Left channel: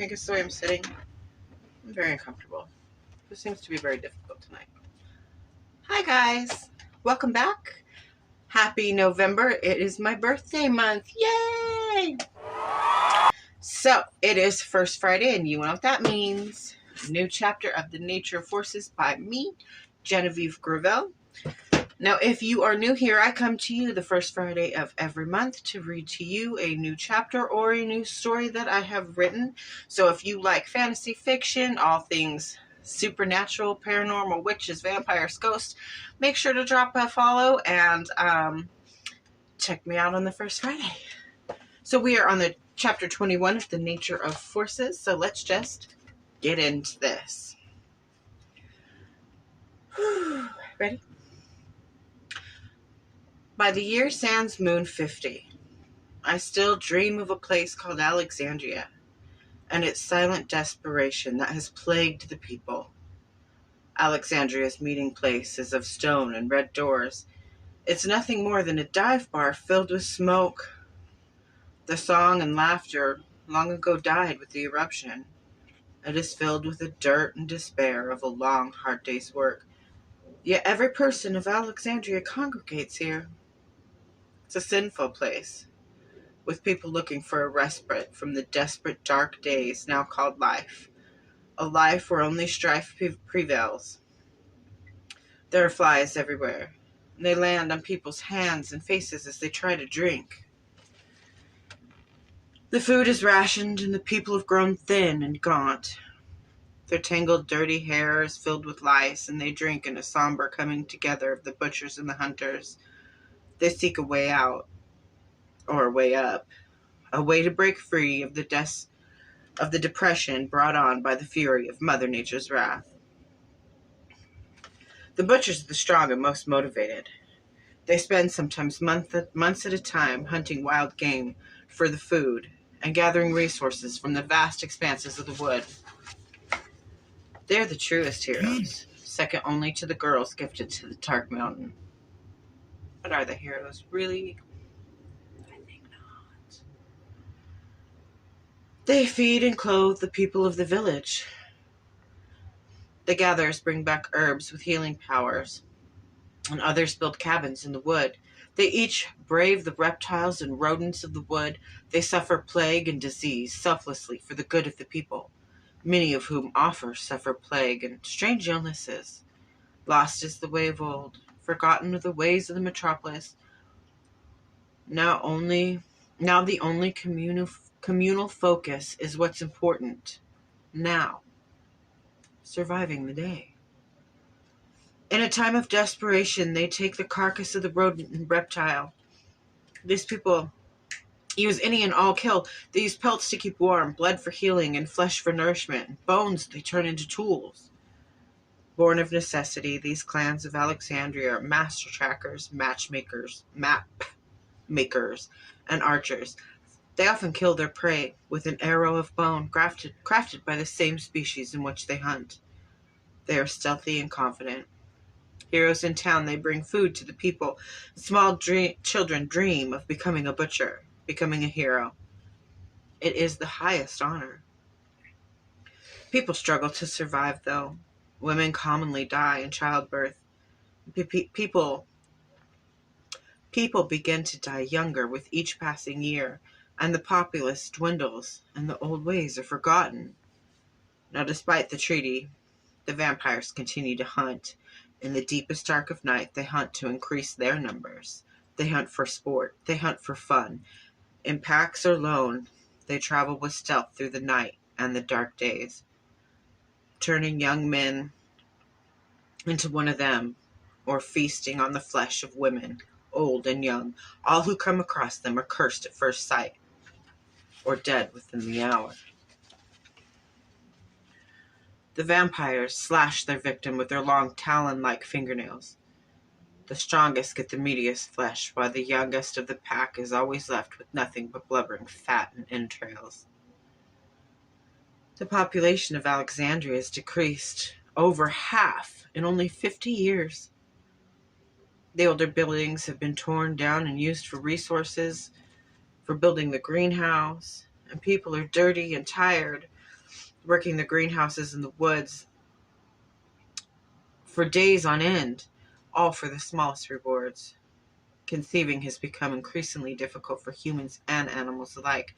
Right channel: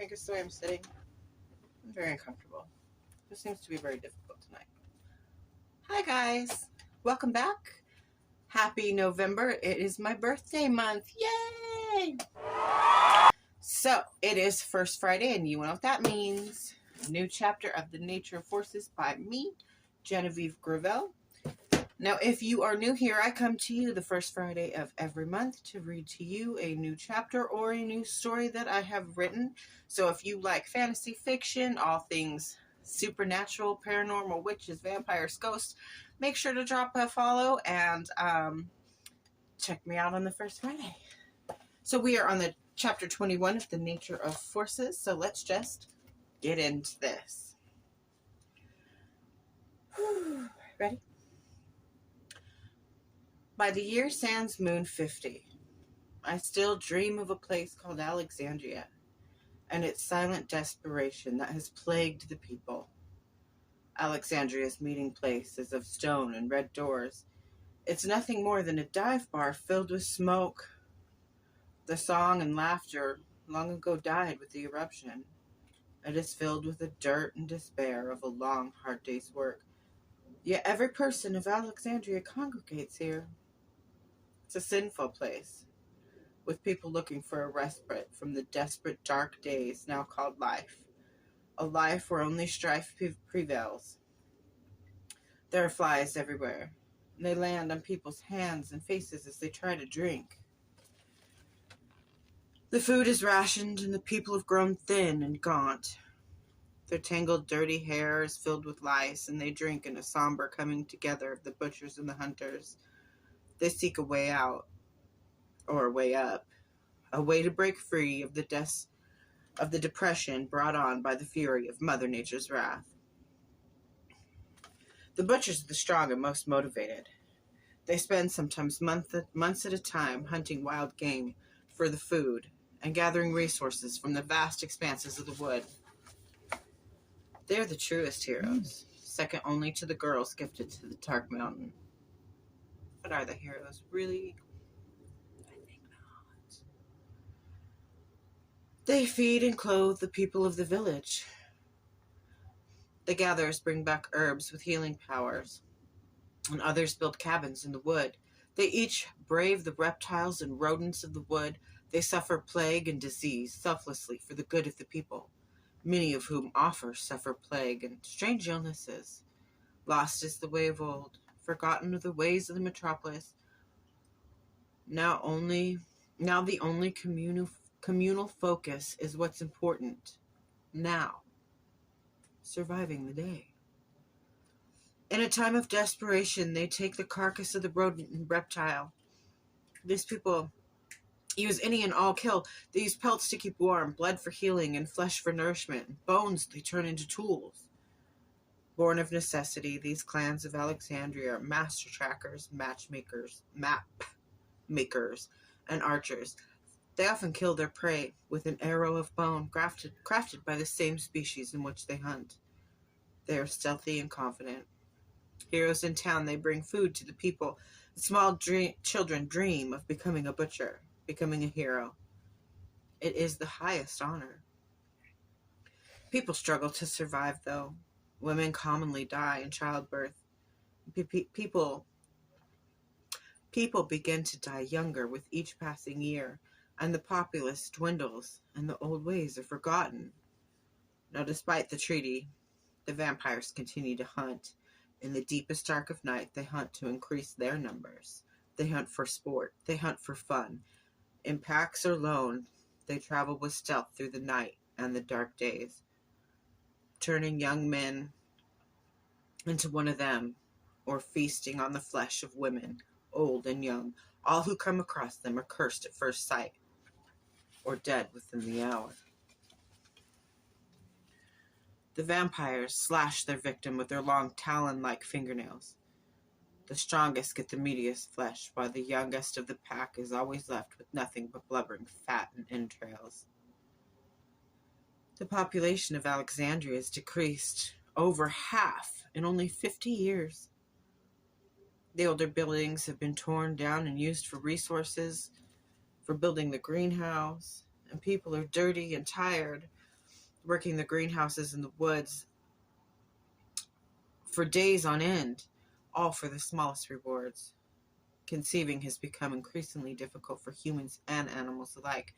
think it's the way I'm sitting. I'm very uncomfortable. This seems to be very difficult tonight. Hi guys, welcome back. Happy November. It is my birthday month. Yay! So, it is First Friday, and you know what that means. A new chapter of The Nature of Forces by me, Genevieve Gravel. Now, if you are new here, I come to you the first Friday of every month to read to you a new chapter or a new story that I have written. So if you like fantasy fiction, all things supernatural, paranormal, witches, vampires, ghosts, make sure to drop a follow and check me out on the first Friday. So we are on the chapter 21 of The Nature of Forces. So let's just get into this. Ready? By the year sans moon 50, I still dream of a place called Alexandria and its silent desperation that has plagued the people. Alexandria's meeting place is of stone and red doors. It's nothing more than a dive bar filled with smoke. The song and laughter long ago died with the eruption. It is filled with the dirt and despair of a long, hard day's work. Yet every person of Alexandria congregates here. It's a sinful place, with people looking for a respite from the desperate dark days now called life, a life where only strife prevails. There are flies everywhere, and they land on people's hands and faces as they try to drink. The food is rationed, and the people have grown thin and gaunt. Their tangled, dirty hair is filled with lice, and they drink in a somber coming together of the butchers and the hunters. They seek a way out, or a way up, a way to break free of the depression brought on by the fury of Mother Nature's wrath. The butchers are the strong and most motivated. They spend sometimes months at a time hunting wild game for the food and gathering resources from the vast expanses of the wood. They are the truest heroes, second only to the girls gifted to the Tark Mountain. But are the heroes really? I think not. They feed and clothe the people of the village. The gatherers bring back herbs with healing powers, and others build cabins in the wood. They each brave the reptiles and rodents of the wood. They suffer plague and disease selflessly for the good of the people, many of whom suffer plague and strange illnesses. Lost is the way of old, forgotten are the ways of the metropolis. Now the only communal focus is what's important now. Surviving the day. In a time of desperation, they take the carcass of the rodent and reptile. These people use any and all kill. They use pelts to keep warm, blood for healing, and flesh for nourishment. Bones they turn into tools. Born of necessity, these clans of Alexandria are master trackers, map makers, and archers. They often kill their prey with an arrow of bone crafted by the same species in which they hunt. They are stealthy and confident. Heroes in town, they bring food to the people. Small children dream of becoming a butcher, becoming a hero. It is the highest honor. People struggle to survive, though. Women commonly die in childbirth. People begin to die younger with each passing year, and the populace dwindles, and the old ways are forgotten. Now, despite the treaty, the vampires continue to hunt. In the deepest dark of night, they hunt to increase their numbers. They hunt for sport. They hunt for fun. In packs or lone, they travel with stealth through the night and the dark days, turning young men into one of them, or feasting on the flesh of women, old and young. All who come across them are cursed at first sight, or dead within the hour. The vampires slash their victim with their long talon-like fingernails. The strongest get the meatiest flesh, while the youngest of the pack is always left with nothing but blubbering fat and entrails. The population of Alexandria has decreased over half in only 50 years. The older buildings have been torn down and used for resources, for building the greenhouse, and people are dirty and tired, working the greenhouses in the woods for days on end, all for the smallest rewards. Conceiving has become increasingly difficult for humans and animals alike.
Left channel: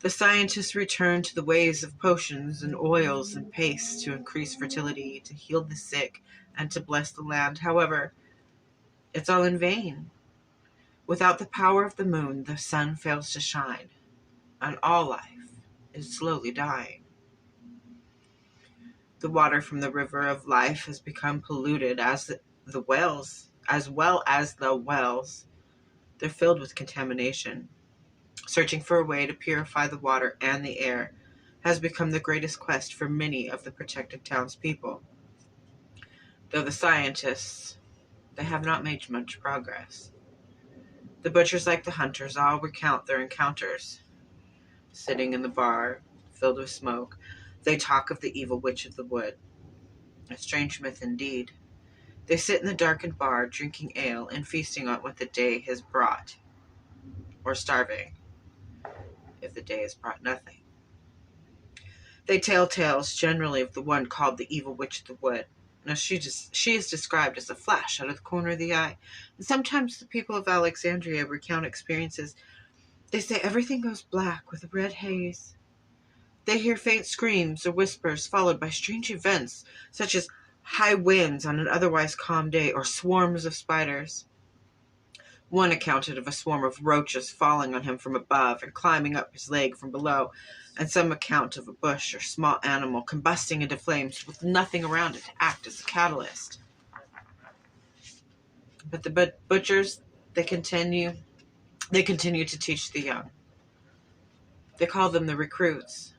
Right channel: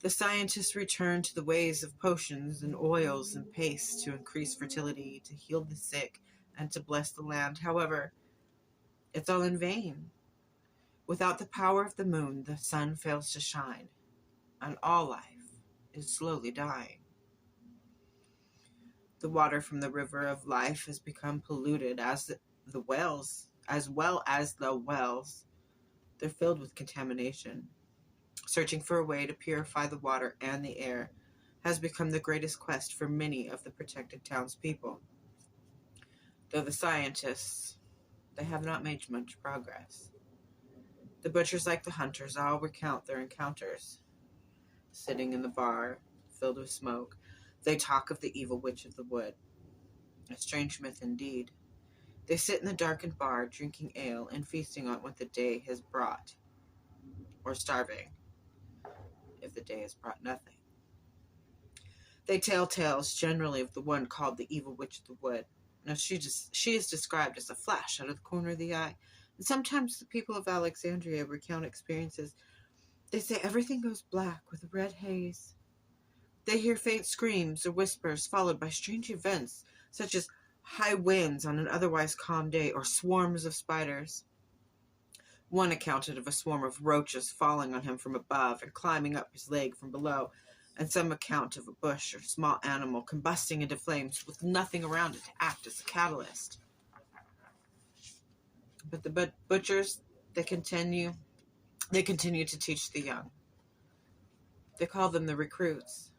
The scientists return to the ways of potions and oils and pastes to increase fertility, to heal the sick, and to bless the land. However, it's all in vain. Without the power of the moon, the sun fails to shine, and all life is slowly dying. The water from the river of life has become polluted the wells, as well as the wells. They're filled with contamination. Searching for a way to purify the water and the air has become the greatest quest for many of the protected townspeople. Though the scientists, they have not made much progress. The butchers, like the hunters, all recount their encounters. Sitting in the bar, filled with smoke, they talk of the evil witch of the wood. A strange myth indeed. They sit in the darkened bar, drinking ale and feasting on what the day has brought, or starving, if the day has brought nothing. They tell tales generally of the one called the evil witch of the wood. Now she is described as a flash out of the corner of the eye, and sometimes the people of Alexandria recount experiences. They say everything goes black with a red haze. They hear faint screams or whispers followed by strange events, such as high winds on an otherwise calm day or swarms of spiders. One accounted of a swarm of roaches falling on him from above and climbing up his leg from below, and some account of a bush or small animal combusting into flames with nothing around it to act as a catalyst. But the butchers, they continue to teach the young. They call them the recruits.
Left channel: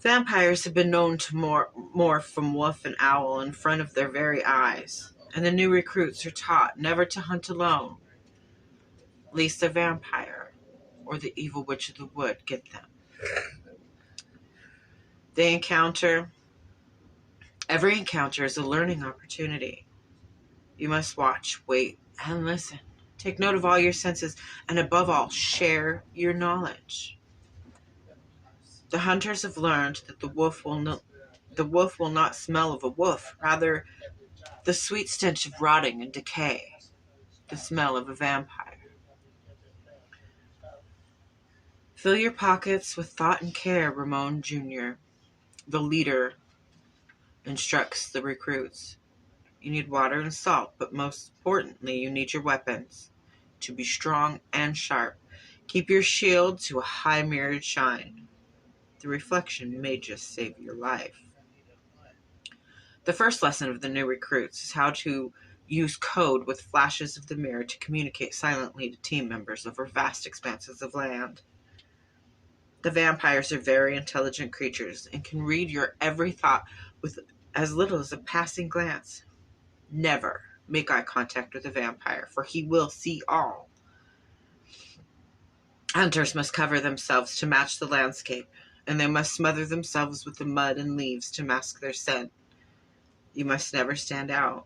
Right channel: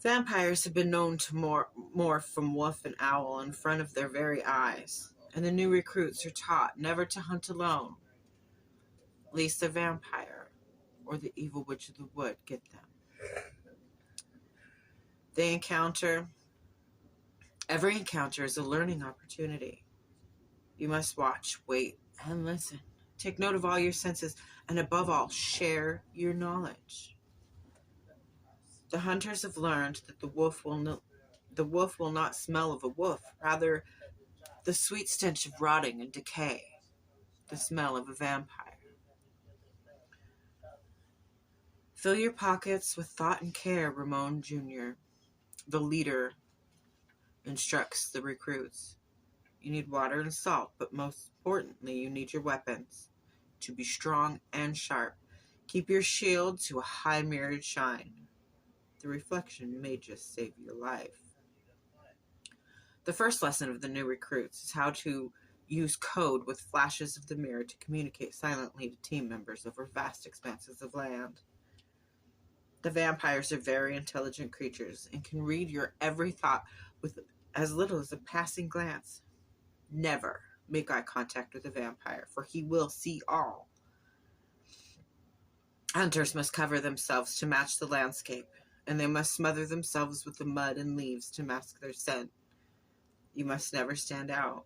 Vampires have been known to morph from wolf and owl in front of their very eyes, and the new recruits are taught never to hunt alone, lest a vampire or the evil witch of the wood get them. Every encounter is a learning opportunity. You must watch, wait, and listen. Take note of all your senses, and above all, share your knowledge. The hunters have learned that the wolf will not smell of a wolf, rather the sweet stench of rotting and decay, the smell of a vampire. Fill your pockets with thought and care, Ramon Jr., the leader, instructs the recruits. You need water and salt, but most importantly, you need your weapons to be strong and sharp. Keep your shield to a high mirrored shine. The reflection may just save your life. The first lesson of the new recruits is how to use code with flashes of the mirror to communicate silently to team members over vast expanses of land. The vampires are very intelligent creatures and can read your every thought with as little as a passing glance. Never make eye contact with a vampire, for he will see all. Hunters must cover themselves to match the landscape, and they must smother themselves with the mud and leaves to mask their scent. You must never stand out.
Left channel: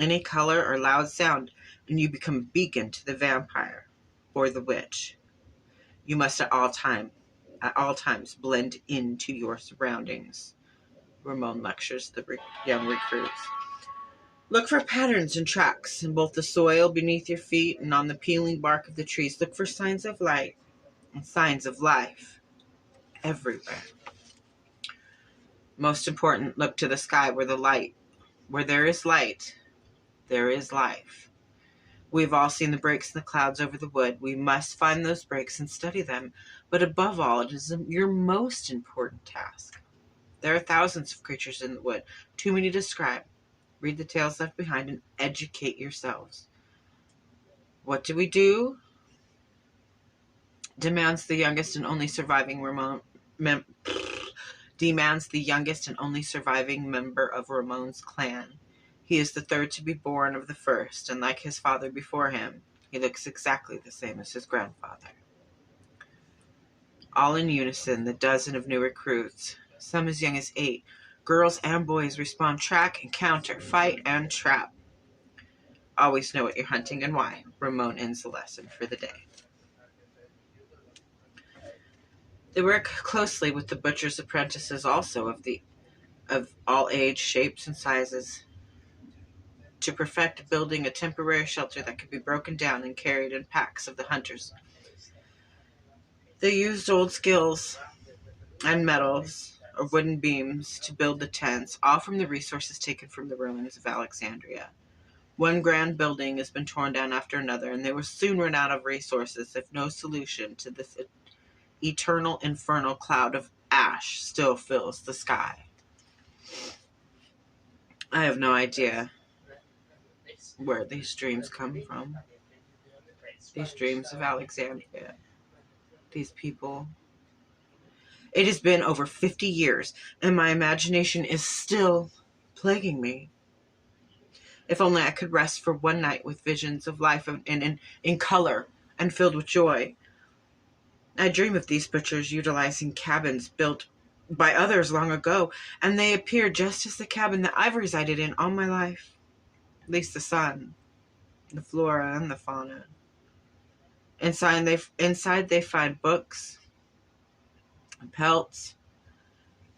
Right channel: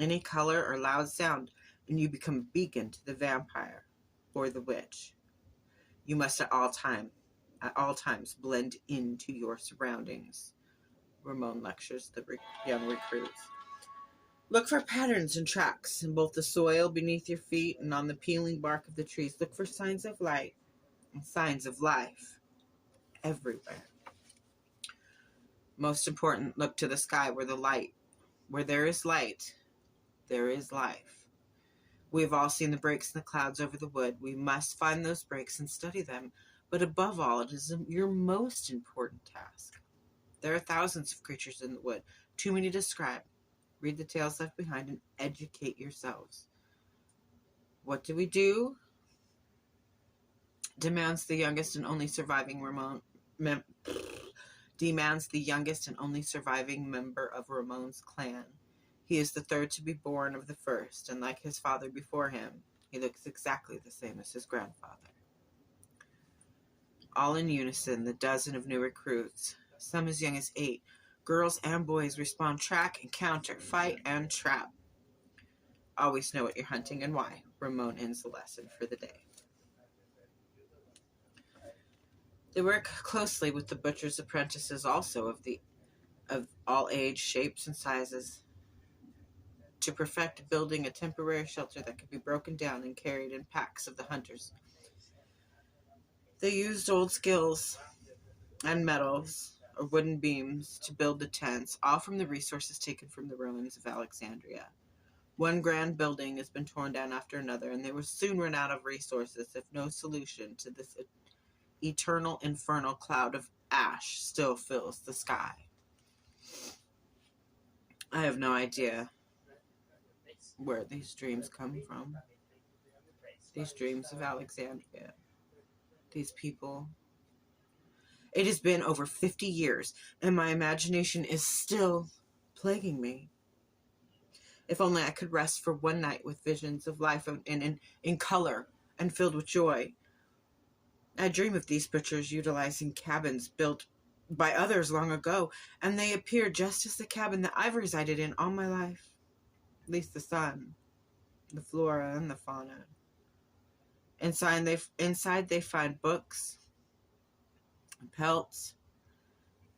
Any color or loud sound, and you become a beacon to the vampire or the witch. You must at all times blend into your surroundings. Ramon lectures the young recruits. Look for patterns and tracks in both the soil beneath your feet and on the peeling bark of the trees. Look for signs of light and signs of life everywhere. Most important, look to the sky where there is light, there is life. We've all seen the breaks in the clouds over the wood. We must find those breaks and study them. But above all, it is your most important task. There are thousands of creatures in the wood, too many to describe. Read the tales left behind and educate yourselves. What do? Demands the youngest and only surviving member of Ramon's clan. He is the third to be born of the first, and like his father before him, he looks exactly the same as his grandfather. All in unison, the dozen of new recruits, some as young as 8, girls and boys, respond track and counter, fight and trap. Always know what you're hunting and why. Ramon ends the lesson for the day. They work closely with the butcher's apprentices also of all age, shapes, and sizes to perfect building a temporary shelter that could be broken down and carried in packs of the hunters. They used old skills and metals or wooden beams to build the tents, all from the resources taken from the ruins of Alexandria. One grand building has been torn down after another, and they will soon run out of resources if no solution to this eternal infernal cloud of ash still fills the sky. I have no idea where these dreams come from. These dreams of Alexandria. These people. It has been over 50 years, and my imagination is still plaguing me. If only I could rest for one night with visions of life in color and filled with joy. I dream of these butchers utilizing cabins built by others long ago, and they appear just as the cabin that I've resided in all my life. At least the sun, the flora, and the fauna. Inside they find books, and pelts,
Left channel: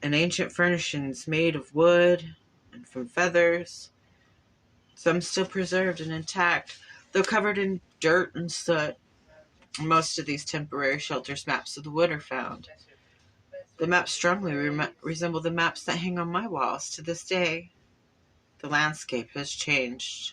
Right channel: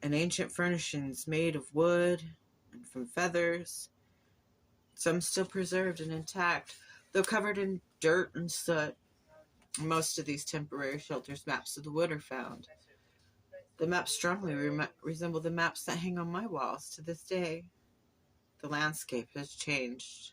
and ancient furnishings made of wood and from feathers, some still preserved and intact, though covered in dirt and soot. Most of these temporary shelters maps of the wood are found. The maps strongly resemble the maps that hang on my walls to this day. The landscape has changed.